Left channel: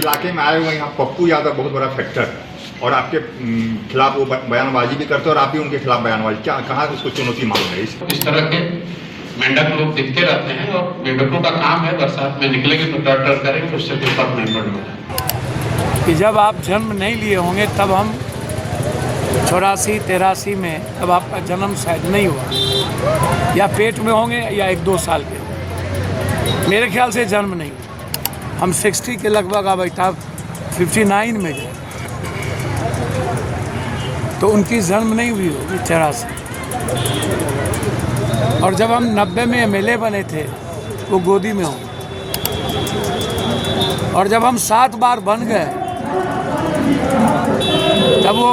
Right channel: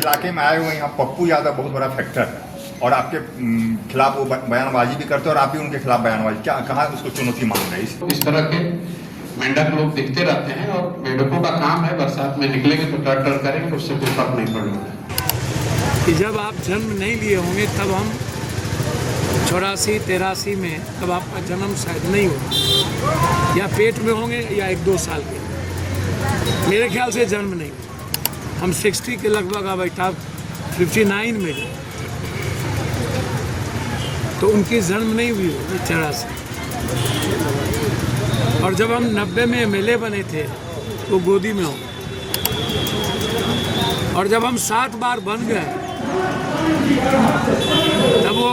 इलाके में आए हुए यहाँ पप्पू यादव बहुत बड़ा फैक्टर और आपके खिलाफ वो बयानबाजी भी करते हैं और आप भी उनके खिलाफ बयानबाजी क्या कहाँ उसको चुनौती मान रहे हैं? इस तरह के मेंढक लोग दिखते रहते हैं और मेंढकों का काम है बरसात में निकलेंगे तो टर टर करेंगे, उससे कोई फर्क नहीं पड़ने वाला। कि जब आप जन्म नहीं लिए होंगे तब हम 84-83 में तब आपका जन्म शायद नहीं हुआ, या पेट में होंगे या 1-2 साल के होंगे, मेरे ख्याल से जन्म नहीं हुआ। हम 60 के लगभग अब 59 में जाए तो उनकी जन्म नहीं हुई होगी 84। और जब हम 90 में MLA बने थे वो गोदी में होंगे, और जब हम 7 बार बन गए तब वो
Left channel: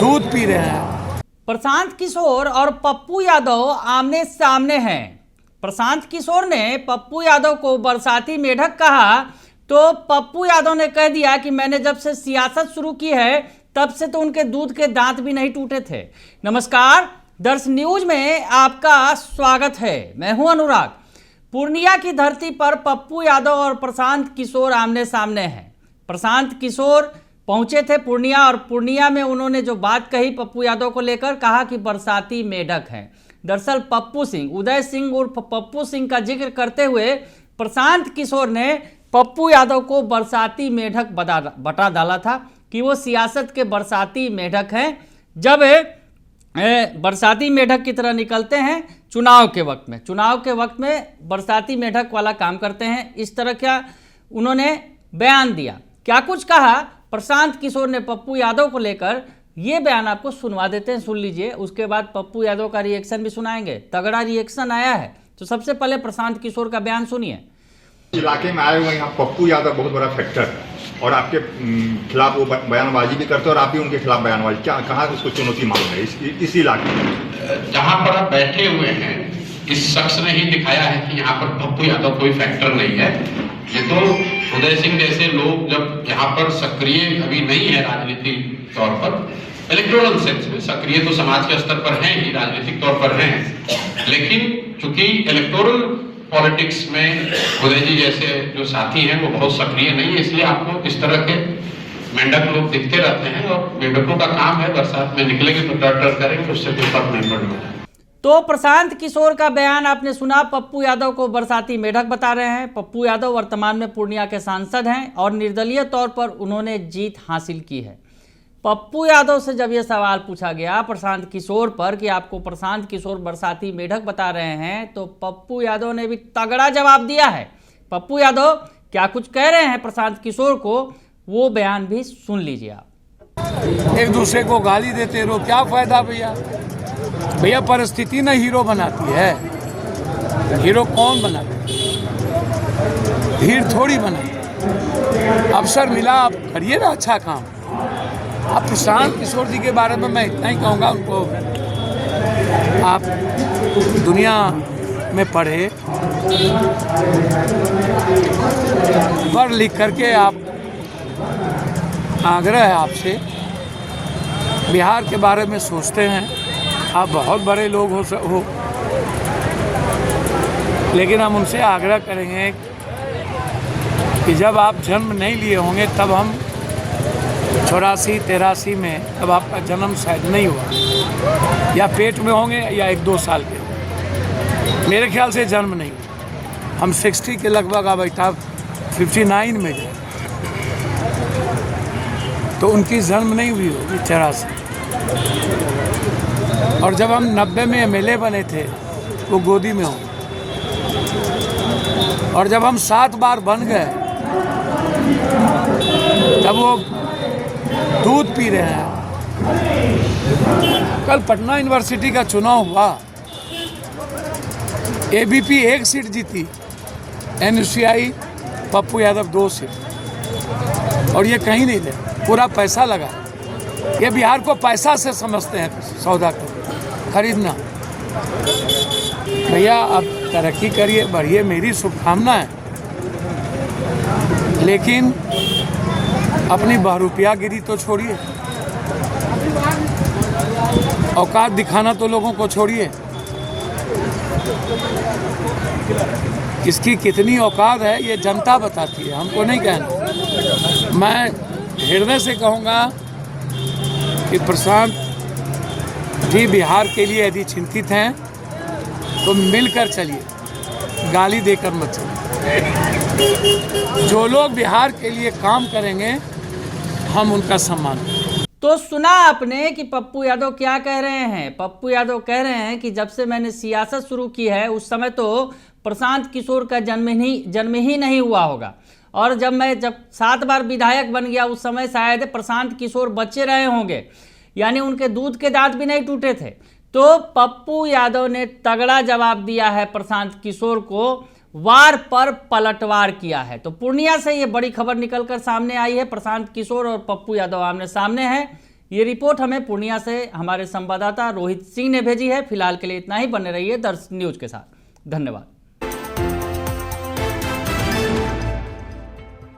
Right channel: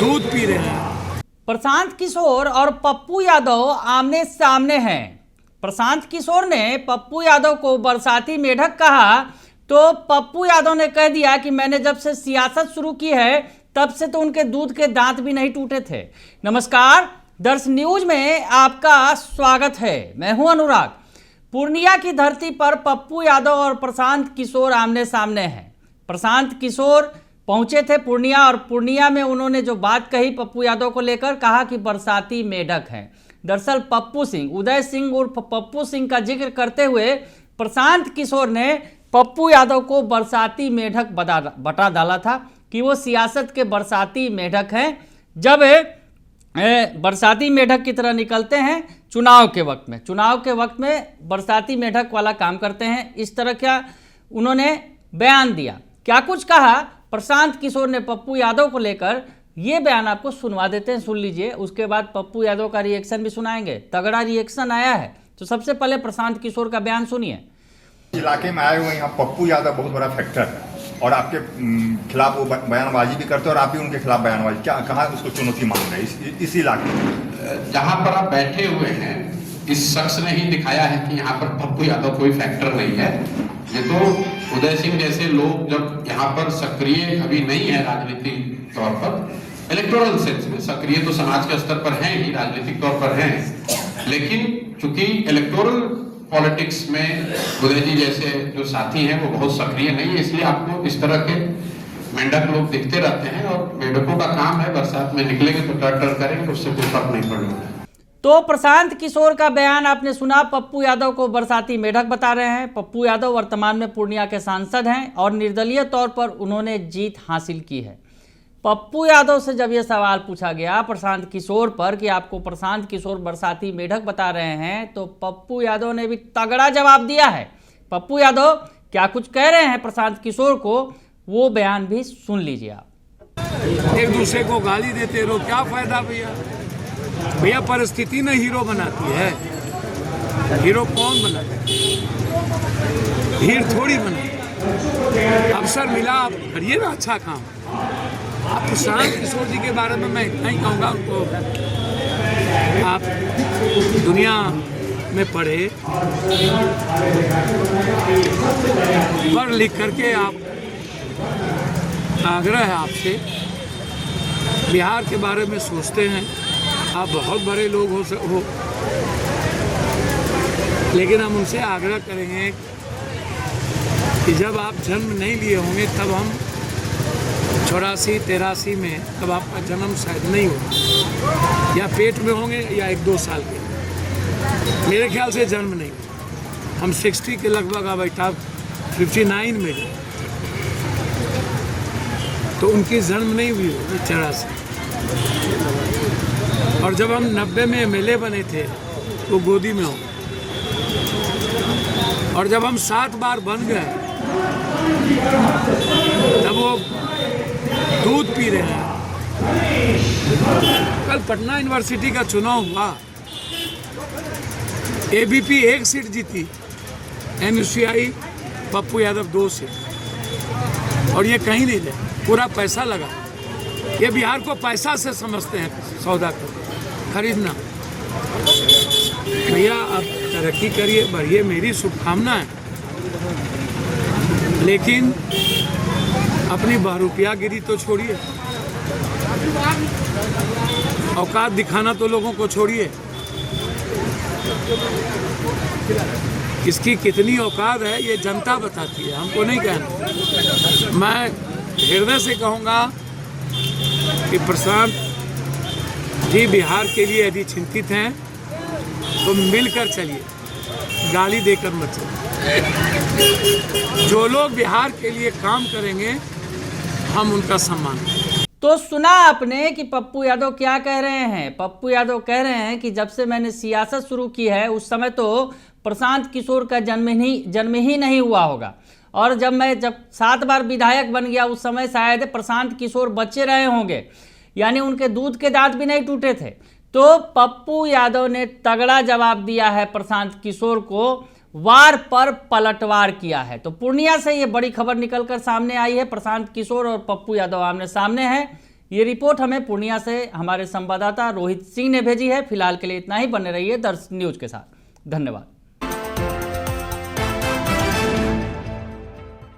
दूध पी रहे हैं। प्रशांत किशोर और पप्पू यादव आमने सामने हैं। प्रशांत किशोर ने पप्पू यादव को बरसाती मेढक कहा तो पप्पू यादव ने कह दिया कि मैंने जब से सियासत शुरू की है तब से तो उनके दूध के दांत भी नहीं टूटे थे। नमस्कार, दर्श न्यूज में आपका स्वागत है। मैं हूं अनुराग। पूर्णिया की धरती पर पप्पू यादव और प्रशांत किशोर आमने सामने हैं। प्रशांत किशोर पहुंचे थे पूर्णिया और पूर्णिया में उन्होंने जो बात कही पप्पू यादव को लेकर, कहा कि बरसाती मेढक हैं। दरअसल पप्पू सिंह, उदय सिंह उर्फ पप्पू सिंह का जिक्र करते हुए प्रशांत किशोर ने पप्पू यादव को बरसाती मेढक बता डाला था कि वो सियासत के बरसाती मेढक हैं। जब बरसाती मेढक की तरह निकलते हैं चुनाव के वक्त में बरसाती मेढक वाला काम करते हैं। इस तरह का उन्होंने बयान दिया। क्या कुछ कहा प्रशांत किशोर ने पप्पू यादव को लेकर, ये बयान आपको सुनवा देते हैं, सुन लीजिए। उसके बाद पप्पू यादव का रिएक्शन भी सुनाएंगे। तगड़ा रिएक्शन आया है, तो सबसे पहले प्रशांत किशोर का बयान सुनिए। इलाके में आए हुए यहाँ पप्पू यादव बहुत बड़ा फैक्टर और आपके खिलाफ वो बयानबाजी भी करते हैं और आप भी उनके खिलाफ बयानबाजी क्या कहाँ उसको चुनौती मान रहे हैं इस इलाके में? जहाँ पर आप बैठे हुए हैं इस शख्स ने ही दिखाया है कि यहाँ पर पप्पू यादव कोई फैक्टर नहीं है। ये तो उदय सिंह जैसे लोग जब यहाँ पर सक्रिय अभी नहीं है राजनीतिक तौर पर, इलेक्टोरल सेंस में सक्रिय तो समाज के स्तर पर हैं ही, राजनीतिक तौर पर हैं, लेकिन चूंकि इलेक्टोरल पॉलिटिक्स में उदय जी जैसे जो साथी हैं वो बहुत सक्रिय नहीं है, इसलिए आपको इस तरह के मेंढक लोग दिखते रहते हैं और मेंढकों का काम है बरसात में निकलेंगे तो टर टर करेंगे, उससे कोई फर्क नहीं पड़ने वाला। तो प्रशांत किशोर का बयान आपने सुना। पप्पू यादव को बरसाती मेढक बता रहे हैं। पप्पू यादव वर्तमान में पूर्णिया के सांसद हैं और निर्दलीय तौर पर उन्होंने जीत हासिल की है। पप्पू यादव से जब यह सवाल पूछा गया प्रशांत किशोर पर कि आपको प्रशांत किशोर बरसाती मेढक बता रहे हैं, तो पप्पू यादव ने भी तगड़ा जवाब दिया है। पप्पू यादव क्या कुछ कह रहे हैं प्रशांत किशोर को, वो बयान भी सुन लीजिए आप। एक दूसरे को गाली देते रहो, क्या फायदा भैया परिस्थिति न हीरो बनाती है। हीरो कौन बनाता है? भीड़ थोड़ी बनाती। अवसर मिला, आप करिए ना अच्छा काम। अब प्रशांत किशोर जी के बारे में मैं इतना ही कहूँगा, उनको आप दुनिया में पढ़े, पढ़ लिख करके आप, आग्रह है आपसे, बिहार के बारे में सोचते हैं, आप बहुत बड़े लोग हो, लेकिन हम उनसे आग्रह करेंगे कि जब आप जन्म नहीं लिए होंगे तब हम 84-83 में तब आपका जन्म शायद नहीं हुआ, या पेट में होंगे या 1-2 साल के होंगे, मेरे ख्याल से जन्म नहीं हुआ। हम 60 के लगभग अब 59 में जाए तो उनकी जन्म नहीं हुई होगी 84। और जब हम 90 में MLA बने थे वो गोदी में होंगे, और जब हम 7 बार बन गए तब वो दूध पी रहे हैं। कल पटना यूनिवर्सिटी का चुनाव हुआ, ABP 1 सीट जीती, NUCI पप्पू यादव 2 सीट, और ये कहीं नहीं दे, पूरा पैसा लगा। ये बिहार को पैसा से समझते हैं, सौदा को खरीदना। भैया आप तरक्की करिए, बढ़िए, मेरी शुभकामना है, लेकिन अपनी बहुरूपियागिरी तो छोड़िए, औकात दिखाना तो लोगों को छोड़िए। किसकी कितनी औकात है ये जनता बताती है, हमको नहीं कहना। मैं हृदय से कहूँगा कि प्रशांत जी बिहार के लिए यदि चिंतित हैं तो मिलकर चलिए, गाली देकर मत चलिए। जो लोग बिहार के लिए काम करेंगे हम उनका सम्मान करेंगे। तो सुना आपने कि पप्पू यादव क्या कह रहे हैं। पप्पू यादव कह रहे हैं कि जब से मैंने सियासत शुरू की है उस समय तो प्रशांत किशोर का जन्म ही नहीं हुआ होगा, और जब 7 बार विधायक बन गया उस समय शायद प्रशांत किशोर बच्चे रहे होंगे, यानी उनके दूध के दांत भी नहीं टूटे थे। तो पप्पू यादव ने तगड़ा जवाब दिया है प्रशांत किशोर को, वार पर पलटवार किया है। तो पूर्णिया से ये बड़ी खबर निकलकर सामने आई है, प्रशांत किशोर और पप्पू यादव आमने सामने हैं। ये रिपोर्ट हमें पूर्णिया से हमारे संवाददाता रोहित सिंह ने भेजी है। फिलहाल के लिए इतना ही, बने रहिए दर्श न्यूज के साथ। धन्यवाद।